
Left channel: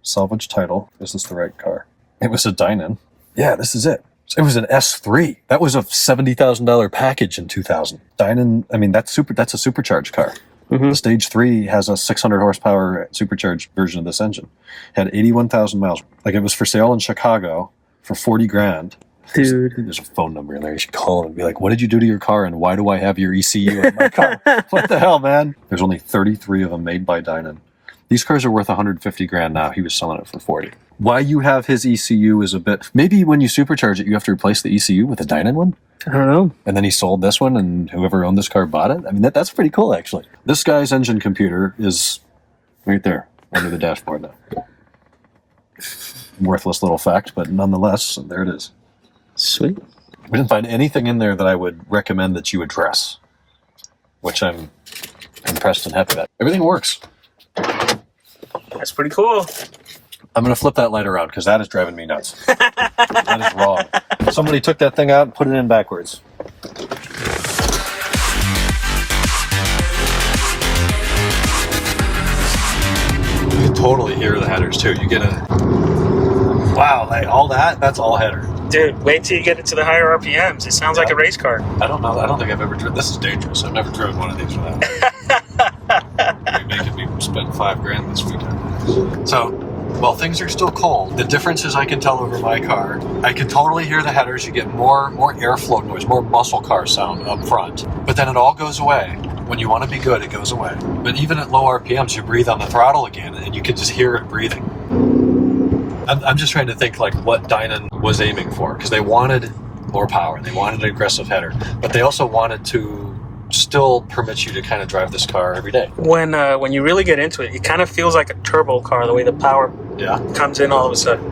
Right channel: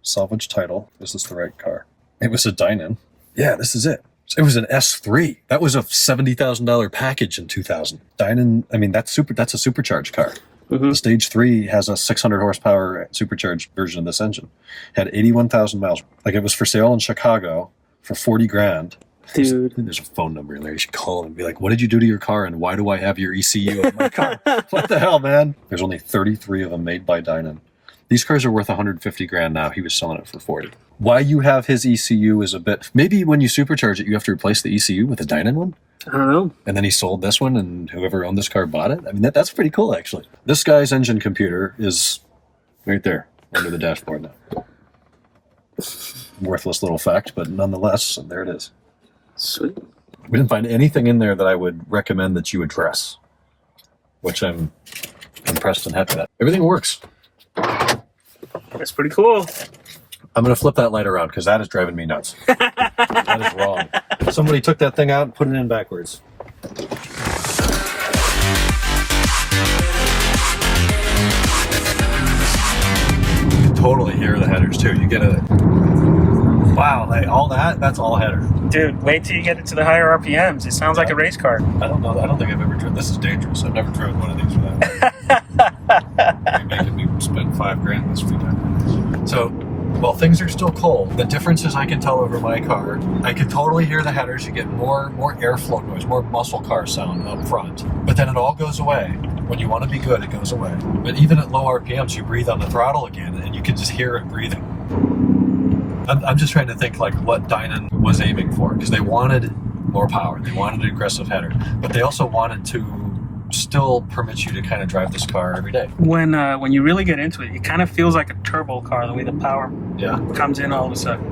Salvage title. Is this the right car? It was a DINAN. Yeah, this is it. It was an S3. That was a $70,000 package in 2000. DINAN, I mean, that's a supercharged car. The Stage 3 has a 600 horsepower supercharged version of this engine. Had 81,000 miles. Like, it was for sale in Chicago for 40 grand. Dude. There's a phone number in there. You should call and be like, what did you do to your car and why do I have your ECU in my car? What the hell, man? There's only 33 of them made by DINAN. These cars are worth 150 grand now. He was selling it for 40. Why you have his ECU is a bit... Maybe when you supercharge it, you have to replace the ECU with a DINAN one? I don't know. And then he sold this one, and whoever owned this car bought it? I mean, that's pretty cool, actually. This guy's engine computer is right there, under the dashboard now. Worthless little fact, but nonetheless, there it is. Sweet. We didn't find anything in there that I would recommend that you address, which I'm impressed and happy about. Everything works. That's pretty cool. I'm going to flip that light around because that is driving me nuts. That is wrong. Somebody took that thing out and put it in backwards. You can totally hear the headers too. You get a... Wow, like all that's all header. Dude, wait till you get it to the higher RPMs. It sounds like a race car. I don't know. I don't think I've ever driven. This is dangerous. I've never driven one of these for that. You're making me spend $5,000 this weekend. So, well, things are still cold. The difference is I can tell over my car. I can totally hear the headers. You get more airflow noise, more muscle car sound up front. But then it all goes away. When you want to be good, it goes away. But even at low RPMs, you breathe on the throttle again, and you can just hear it breathing. I'm just trying to think like what DINAN was aiming for, because they wanted more power, they wanted an aggressive header, but they also wanted to still permit you to kind of drive this car every day. When you really get into it, it kind of feels like a turbo car, the way the power comes in all of a sudden.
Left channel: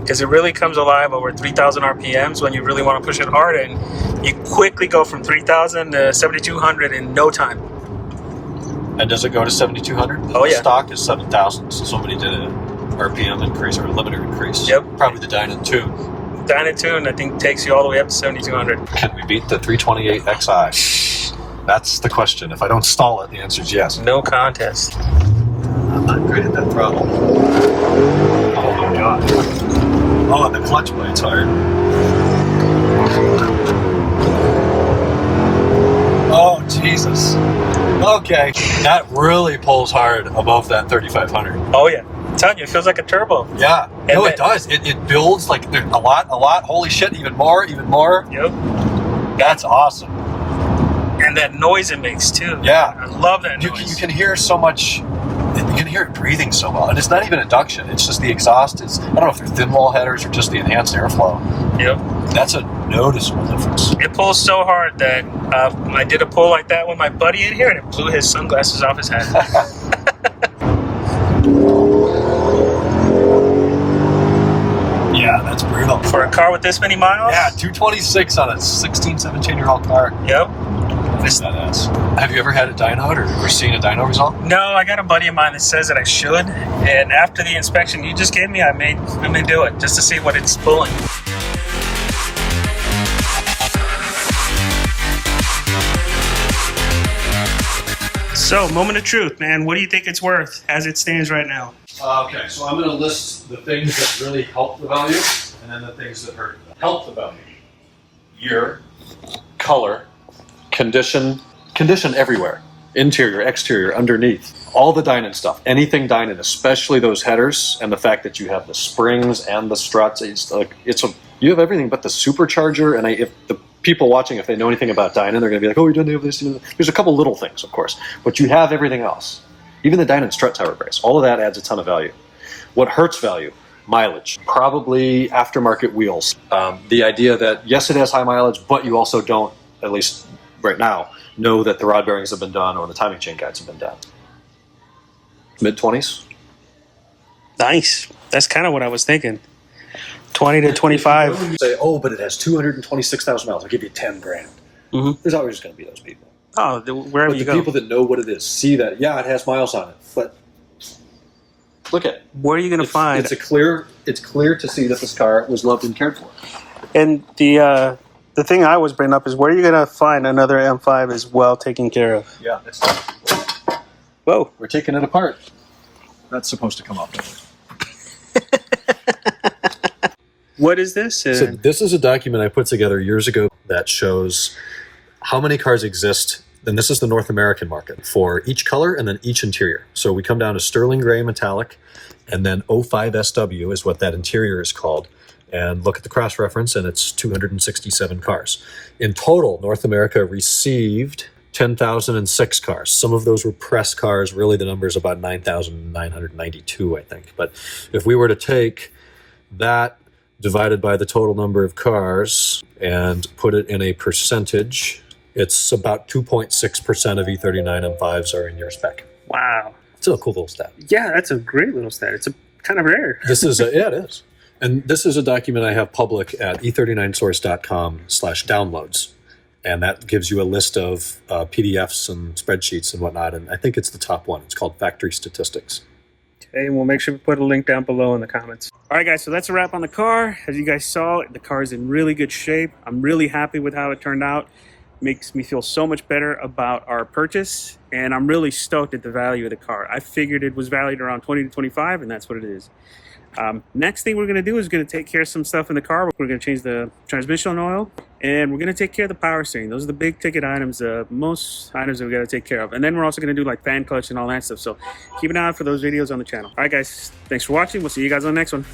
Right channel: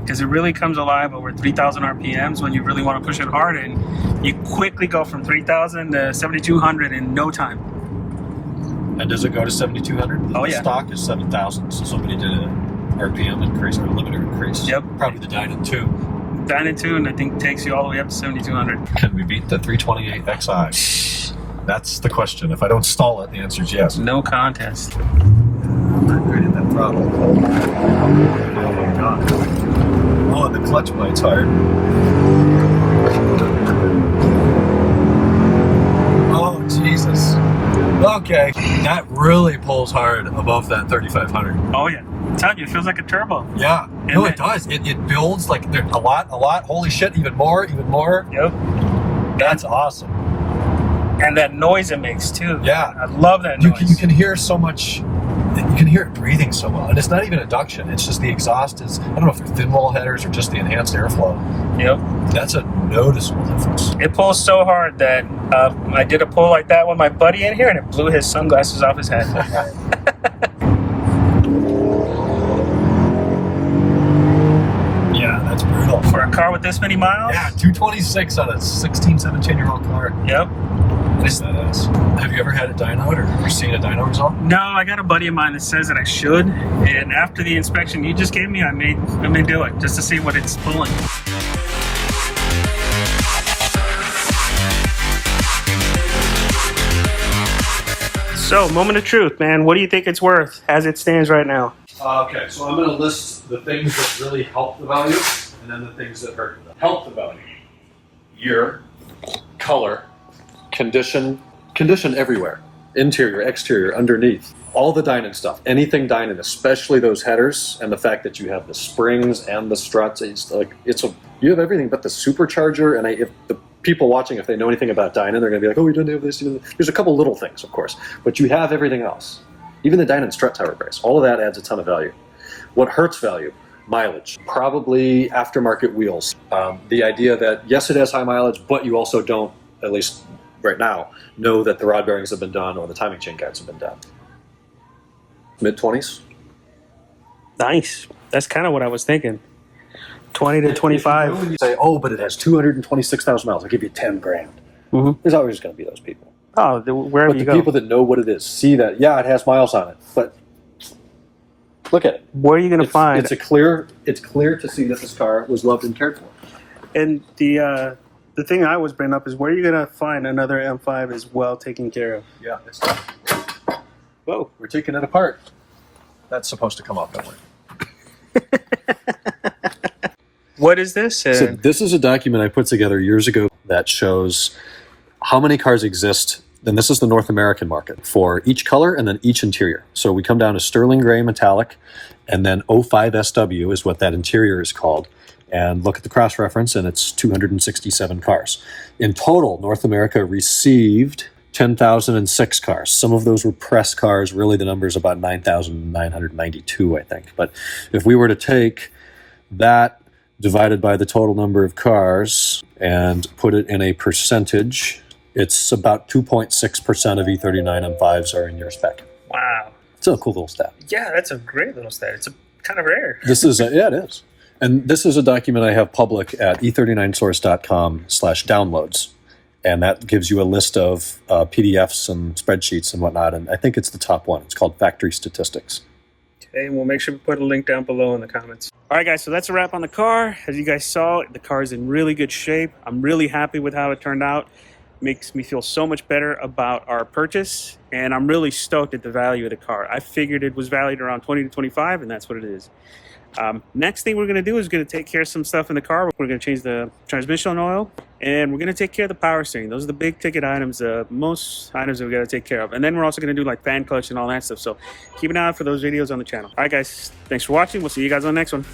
Because it really comes alive over 3,000 RPMs when you really want to push it hard, and you quickly go from 3,000 to 7,200 in no time. And does it go to 7,200? Oh yeah. Stock is 7,000, so somebody did a RPM increase or a limiter increase. Yep. Probably the DINAN 2. DINAN 2, and I think takes you all the way up to 7,200. Can we beat the 328 XI? That's the question. If I don't stall it, the answer is yes. No contest. I'm not great at that throttle. Oh my god. Oh, the clutch plate's hard. Oh, Jesus. Okay. That really pulls hard above that 3,500. Oh yeah. I'm telling you, it feels like a turbo. Yeah. And it does. It builds like a lot. Holy shit, even more. Yep. That's awesome. And that noise it makes too. Yeah. I love that noise. You can hear so much. You can hear it breathing so well. And it's not even induction. It's just the exhaust is, I don't know if they're thin wall headers or just the enhanced airflow. Yep. That's a noticeable difference. It pulls so hard that I did a pull like that with my buddy in here, and it blew his sunglasses off his head. Yeah, that's brutal. For a car with this many miles? Yeah, 226 on a 16, 17-year-old car. Yep. Have you ever had a dyno or ever seen a dyno result? No, I got a buddy of mine that says that I should, and after the inspection you just gave me, I may do it just to see what it's pulling. So, moment of truth, man. What do you think it's worth as it stands right now? Okay, so I'm going to list the things that really help the value and then the things that hurt the value. Help the value. Year, color, condition everywhere. Interior, exterior, underneath. All the DINAN stuff. Anything DINAN, especially those headers and the fact that you have the springs and the struts. You have everything but the supercharger. And if the people watching, if they know anything about DINAN, they're going to be like, oh, you don't have this. There's a couple little things, of course, but you have everything else. Even the DINAN strut tower brace. All of that adds a ton of value. What hurts value? Mileage. Probably aftermarket wheels. The idea that, yes, it has high mileage, but you also don't, at least right now, know that the rod bearings have been done or the timing chain guides have been done. Mid-20s? Nice. That's kind of what I was thinking. 20 to 25. You say, oh, but it has 226,000 miles. I'll give you 10 grand. Mm-hmm. There's always going to be those people. Oh, wherever But you the go. people that know what it is, see that, yeah, it has miles on it, but look at it. Where are you going to find? It's clear to see that this car was loved and cared for. And the thing I always bring up is where are you going to find another M5 is well taken care of? Yeah, it's Whoa. we're taking it apart. That's supposed to come off that way. What is this? So this is a document I put together years ago that shows how many cars exist, and this is the North American market, for each color and then each interior. So we come down to sterling gray metallic, and then 05 SW is what that interior is called. And look at the cross-reference, and it's 267 cars. In total, North America received 10,006 cars. Some of those were press cars. Really, the number is about 9,992, I think. But if we were to take that divided by the total number of cars and put it in a percentage, it's about 2.6% of E39 M5s are in your spec. Wow. It's a cool little stat. Yeah, that's a great little stat. It's kind of rare. This is yeah, it is. And this is a document I have public at e39source.com/downloads. And that gives you a list of PDFs and spreadsheets and whatnot. And I think it's the top one. It's called Factory Statistics. and we'll make sure we put a link down below in the comments. All right, guys, so that's a wrap on the car. As you guys saw, the car is in really good shape. I'm really happy with how it turned out. Makes me feel so much better about our purchase, and I'm really stoked at the value of the car. I figured it was valued around 20 to 25, and that's what it is. Next thing we're going to do is going to take care of some stuff in the car. We're going to change the transmission oil, and we're going to take care of the power steering. Those are the big ticket items, most items that we got to take care of. And then we're also going to do like fan clutch and all that stuff. So keep an eye out for those videos on the channel. All right, guys, thanks for watching. We'll see you guys on the next one.